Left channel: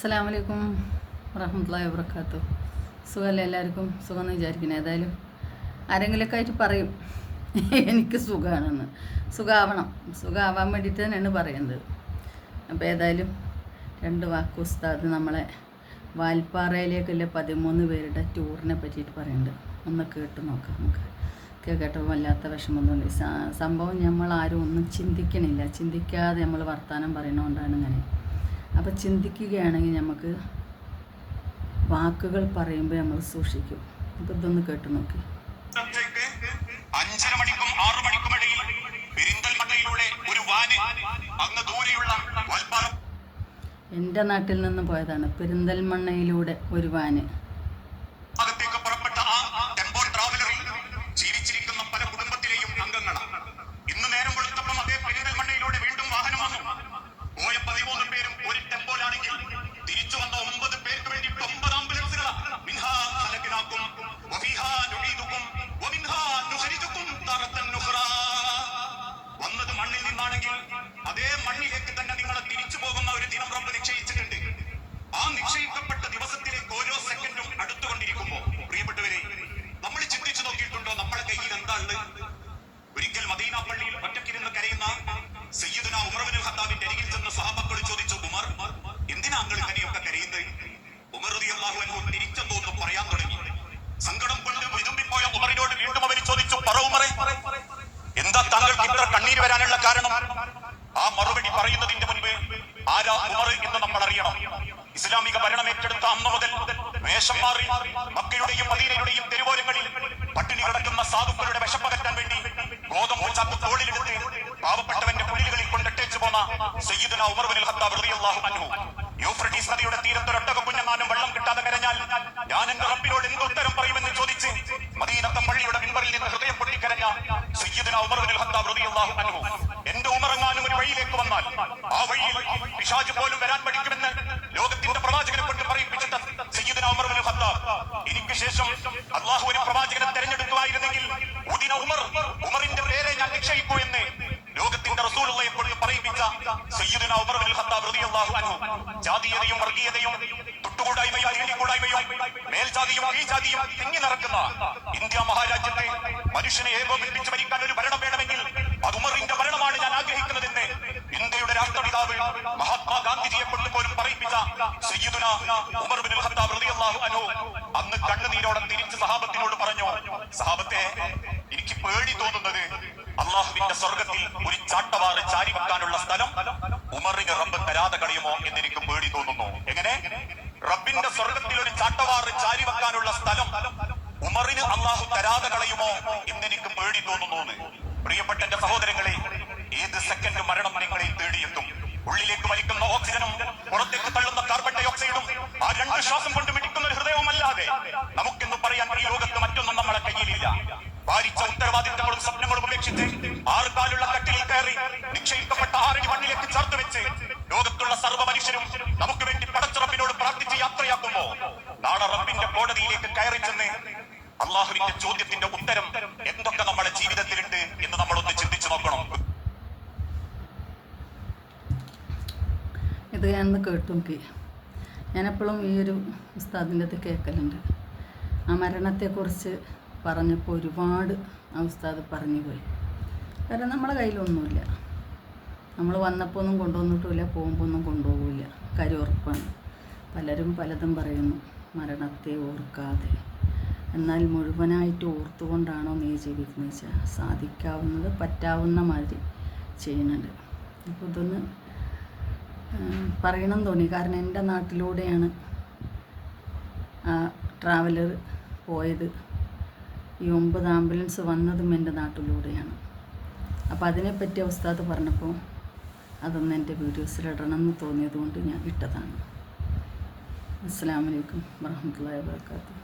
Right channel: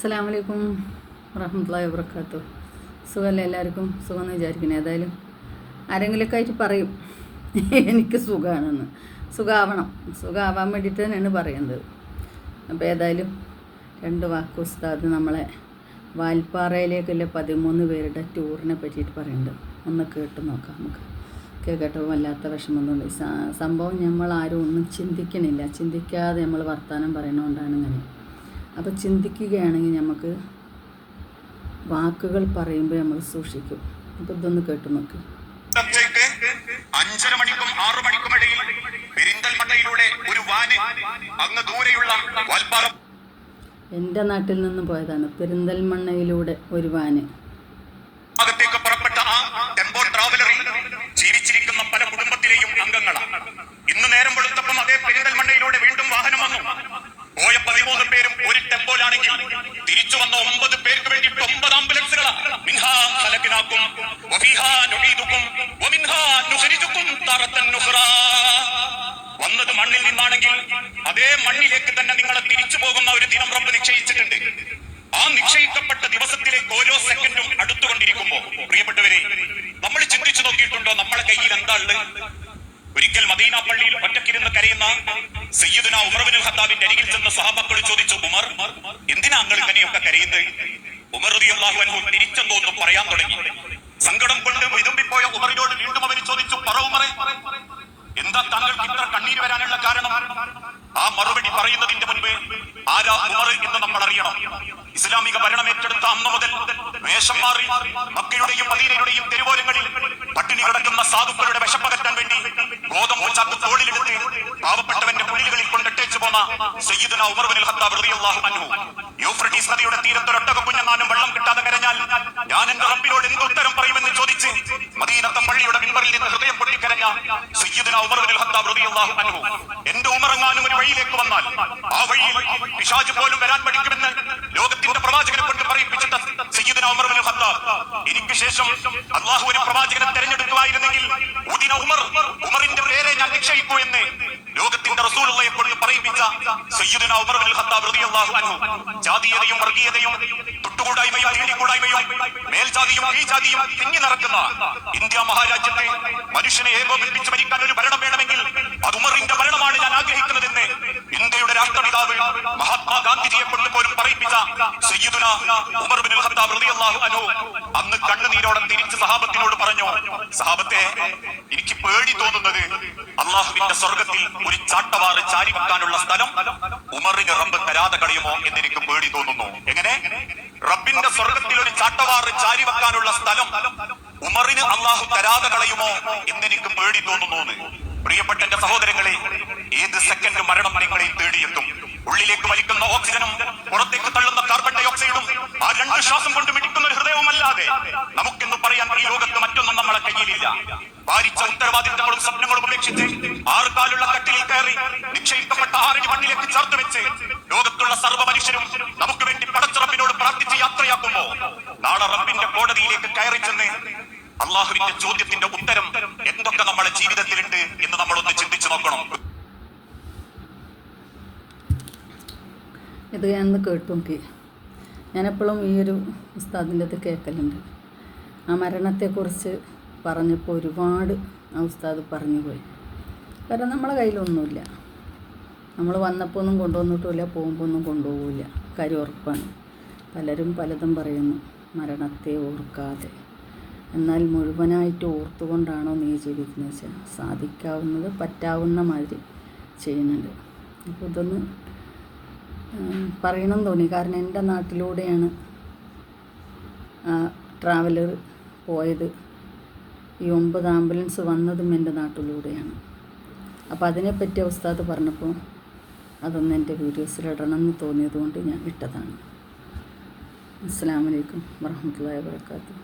അസ്സലാമു അലൈക്കും വറഹ്മത്തുള്ളാഹി വബറകാതുഹു. സുഖമല്ലേ എല്ലാവർക്കും? സുഖമെന്ന് വിചാരിക്കണം. ഏതായാലും ആരെങ്കിലുമൊക്കെ ആയിട്ട് പറയും എനിക്ക് സുഖമാണെന്ന്. സുഖമാവാൻ വേണ്ടിയിട്ട് തന്നെയാണ് പറയുന്നത്. അപ്പോൾ ഏതായാലും 2 വാക്ക് ഉസ്താദ് നമ്മളെ വാൽപ്പാറയിലേക്കുള്ള 13 പേരുടെ ടൂറിനെ പറ്റിയിട്ട് പറയുന്നുണ്ട്. ഒന്ന് കേട്ട് നോക്കാം നമുക്ക്. കേട്ടപ്പോൾ വല്ലാത്ത വിഷമമൊന്നുണ്ട്. സംഭവം നമ്മൾ ആരും ഒന്നും ചിന്തിക്കാതെ നമ്മൾ വർത്തമാനം പറയുന്നതുകൊണ്ടാണ് ഇങ്ങനെ. അപ്പോൾ ചിന്തിക്കുകയാണെങ്കിൽ നമുക്ക് വാക്കുകൾ പറയുമ്പോൾ നമ്മൾ സൂക്ഷിക്കും. അപ്പോൾ ഇതൊന്ന് കേട്ട് നോക്കി. 5:30 മണിക്കും 6 മണിക്കും ഇടയിൽ പെരിന്തൽമണ്ണയിലൂടെ ഒരു വാന് അങ്ങ് ദൂരെയുള്ള വാൽപ്പാറ എൻ്റെ നാട്ടിൽ നിന്നും പോയതാണ്. പെരിന്തൽമണ്ണയിലൂടെ ഒരു വാന് അകത്തേക്ക് പുറപ്പെട്ട ആ ടെമ്പോ ട്രാവലറിൽ ജീവിച്ചിരിക്കുന്ന പല കുടുംബത്തിലെയും അംഗങ്ങളാണ്. ഇന്ന് നേരം വെളുത്തപ്പം അതേ പെരിന്തൽമണ്ണയിലൂടെ വീണ്ടും വാഹനം വന്നു. പോയ 13 പേരും ഒരു ടെമ്പോലാണെങ്കിൽ തിരിച്ചു വന്ന 9 പേർക്ക് വേണ്ടി 9 ആംബുലൻസുകളാണ്. വന്നത് മണ്ണിൽ നിന്നാണെങ്കിൽ അതേ മണ്ണിലേക്ക് തന്നെ നിങ്ങളെ തിരിച്ചു പോകുന്ന ഒരു ദിനം റബ്ബ് നിശ്ചയിച്ചിട്ടുണ്ട്. ആ നിശ്ചയിക്കപ്പെട്ട ദിവസത്തിലേക്ക് ഓരോ സെക്കൻഡും അടുത്തുകൊണ്ടിരിക്കുമ്പോ പ്രിയപ്പെട്ടവരെ, നമ്മൾ ചിന്തിച്ചു നോക്കിയിട്ടുണ്ടോ നമ്മളെ കയ്യിൽ എന്താ ഉള്ളത്? ഒരിക്കൽ മദീന പള്ളിയിൽ ഒറ്റക്കിരുന്ന് കരയുന്ന സയ്യിദുന ഉമർ ഇബ്നുൽ ഖത്താബിന്റെ അരികിൽ ചെന്ന് സ്വഹാബാക്കൾ ചോദിച്ചു, ഉമർ, എന്തിനാ നിങ്ങൾ ഇങ്ങനെയൊക്കെ കരയുന്നത്? ഉമർ റളിയല്ലാഹു അൻഹു തിരിച്ചെന്തോന്നും പറയാൻ തുടങ്ങി. സങ്കടം കൊണ്ട് വിതുമ്പിപ്പോയ ഉമറിനോട് വീണ്ടും അവർ ചോദിച്ചു, പറ ഉമറേ, എന്താ താങ്കൾക്ക് ഇത്ര കണ്ണീര് വരാനുള്ള കാരണം? ആ മറുപടി പറയുന്നതിന്റെ മുൻപ് ആരാ ഉമർ എന്ന് നമ്മൾ അറിയണം. ഇസ്ലാമിക ഭരണം ഏറ്റെടുത്ത അന്ന് മുതൽ വേഷം മാറി മക്കയുടെയും മദീനയുടെയും തെരുവോരങ്ങളിൽ പട്ടിണി കിടക്കുന്ന സാധുക്കളുടെ വിശപ്പകറ്റാൻ വേണ്ടി ഗോതമ്പ് ചാക്ക് തോളിലെടുത്ത് പാവപ്പെട്ടവന്റെ കുടിലുകളിൽ കൊണ്ടിട്ടേച്ചു പോന്ന സയ്യിദുന ഉമർ ഇബ്നുൽ ഖത്താബ് റളിയല്ലാഹു അൻഹു യൂഫ്രട്ടീസ് നദിയുടെ തീരത്തൊരൊട്ടക കുഞ്ഞങ്ങാനും വെള്ളം കിട്ടാതെ കരഞ്ഞാൽ ഞാൻ എന്റെ റബ്ബിനോട് എന്ത് ഉത്തരം പറയുമെന്ന് ചോദിച്ച് മദീനത്തെ പള്ളിയുടെ മിമ്പറിൽ നിന്ന് ഹൃദയം പൊട്ടിക്കരഞ്ഞ സയ്യിദുന ഉമർ ഇബ്നുൽ ഖത്താബ് റളിയല്ലാഹു അൻഹു, എന്റെ ഉമറങ്ങാനും ഒരു വഴിയിലേക്ക് വന്നാൽ ആ വഴിയിൽ പിശാച് പോലും വരാൻ പഠിക്കുമെന്ന് ലോകത്തിന്റെ പ്രവാചകനെ കൊണ്ട് പറയിപ്പിച്ചിട്ട് സയ്യിദുന ഉമർ ഇബ്നുൽ ഖത്താബ്, എനിക്ക് ശേഷം അല്ലാഹു ഒരു പ്രവാചകനെ തെരഞ്ഞെടുക്കുമായിരുന്നെങ്കിൽ ഉമറിന്റെ പേരെ ഞാൻ നിശ്ചയിക്കൂ എന്ന് ലോകത്തിന്റെ റസൂലുള്ളാഹിയെ കൊണ്ട് പറയിപ്പിച്ച സയ്യിദുന ഉമർ ഇബ്നുൽ ഖത്താബ് റളിയല്ലാഹു അൻഹു, ജാതീയതയും വർഗീയതയും തൊട്ടുകൂടായ്മയും തീണ്ടിക്കൂടായ്മയും മേൽജാതിയും കീഴ്ജാതിയും തിങ്ങി നിറക്കുന്ന ഇന്ത്യ മഹാരാജ്യത്തെ മനുഷ്യനെ ഏകോപിപ്പിച്ച് ഭരിക്കാൻ ഒരു ഭരണം വേണമെങ്കിൽ അത് ഉമറിന്റെ ഭരണമാണ് ഞാൻ ആഗ്രഹിക്കുന്നതെന്ന് ഇന്ത്യയുടെ രാഷ്ട്രപിതാവ് മഹാത്മാഗാന്ധിജിയെ കൊണ്ട് പോലും പറയിപ്പിച്ച സയ്യിദുന ഉമർ ഇബ്നുൽ ഖത്താബ് റളിയല്ലാഹു അൻഹു അന്ന് കണ്ണുനീരോടെ തിരിച്ച് സഹാബത്തിനോട് പറഞ്ഞു, സഹാബത്തെ, എനിക്ക് പേടി തോന്നുന്നത് അള്ളാഹുവിന്റെ സ്വർഗത്തിൽ ഒരു ചാട്ടവാറ് ചാരി വെക്കാനുള്ള സ്ഥലം ഉമറിന് റബ്ബ് തരാതെ കളയുമോ എന്ന് എനിക്ക് പേടി തോന്നുന്നു. എങ്ങനെ? റബ്ബിന്റെ സ്വർഗത്തിൽ ഒരു ചാട്ടവാറ് ചാരി വെക്കാനുള്ള സ്ഥലം ഉമറിന് അള്ളാഹു തരാതെ കളയുമോ എന്നെനിക്ക് പേടി തോന്നുന്നു. പ്രിയപ്പെട്ട എന്റെ സഹോദരങ്ങളെ, ഏത് സെക്കൻഡ് മരണം നിങ്ങളെ തേടിയെത്തും. ഉള്ളിലേക്ക് വലിക്കുന്ന ഓക്സിജനും പുറത്തേക്ക് തള്ളുന്ന കാർബൺ ഡൈ ഓക്സൈഡും ആ 2 ശ്വാസം കൊണ്ട് മിടിക്കുന്ന ഒരു ഹൃദയവുമല്ലാതെ നമുക്കെന്ന് പറയാൻ ഈ ലോകത്ത് മറ്റൊന്നും നമ്മളെ കയ്യിലില്ല. ഭാരിച്ച ഉത്തരവാദിത്തങ്ങളും സ്വപ്നങ്ങളും ഉപേക്ഷിച്ച് 6 കാലുള്ള കട്ടിലിൽ കയറി നിക്ഷയിക്കപ്പെട്ട 6 അടി മണ്ണിലേക്ക് ചേർത്ത് വെച്ച് ലോകത്തുള്ള സർവ്വ മനുഷ്യരും നമുക്ക് വേണ്ടി പടച്ച റബ്ബിനോട് പ്രാർത്ഥിച്ച് യാത്രയാക്കുമ്പോ നാളെ റബ്ബിന്റെ കോടതിയിലേക്ക് കയറി ചെന്ന് അള്ളാഹുവിന്റെ ചോദ്യത്തിന്റെ ഉത്തരം എന്തൊക്കെ നമ്മുടെ ജീവിതത്തിലുണ്ട് എന്ന് നമ്മളൊന്ന് ചിന്തിച്ചു നോക്കണം. ഇത് ഞാനൊന്ന് കേട്ടു നോക്കി. ഞാനെപ്പോഴും ഈ ഒരു ഉസ്താദിൻ്റെ അത് കേൾക്കലുണ്ട്. ആ മരണത്തെക്കുറിച്ച് പറഞ്ഞപ്പോൾ ഒരുപാട് ആ ഉസ്താദ് പറഞ്ഞു പോയി. കാരണം നമ്മളെ കയ്യിലൊന്നുമില്ല. നമ്മൾ വന്നപ്പോൾ ഒന്നും കൊണ്ടുവന്നിട്ടുമില്ല, പോകുമ്പോൾ ഒന്നും കൊണ്ടുപോകില്ല. കാര്യം ഉറപ്പാണ്. പലരും പലതും പറയുന്നു, മരണത്തെ ഓർക്കാതെ. എന്നാൽ മുഴുവനായിട്ട് ഓർത്തുകൊണ്ടാണോ നീ ജീവിക്കുന്നത് വെച്ചാൽ സാധിക്കാവുന്നത് പറ്റാവുന്ന മാതിരി ചെയ്യുന്നുണ്ട്. അപ്പോൾ ഇതൊന്ന് പറയണം തോന്നി. കാരണം എൻ്റെ നാട്ടിലൂടെയാണ് ആ ട്രാവലർ പോയത്. ഈ 9 ആംബുലൻസ് വന്നതും എൻ്റെ നാട്ടിലൂടെയാണ്. അപ്പോൾ അതിനെപ്പറ്റി ഉസ്താദ് പറഞ്ഞപ്പോൾ അതൊന്ന് എൻ്റെ വീഡിയോസിലിടണം എന്ന് തോന്നിയതുകൊണ്ട് ഞാൻ ഇട്ടതാണ്. അസ്സലാമു അലൈക്കും വറഹ്മത്തുള്ളാഹി വബറകാതുഹു.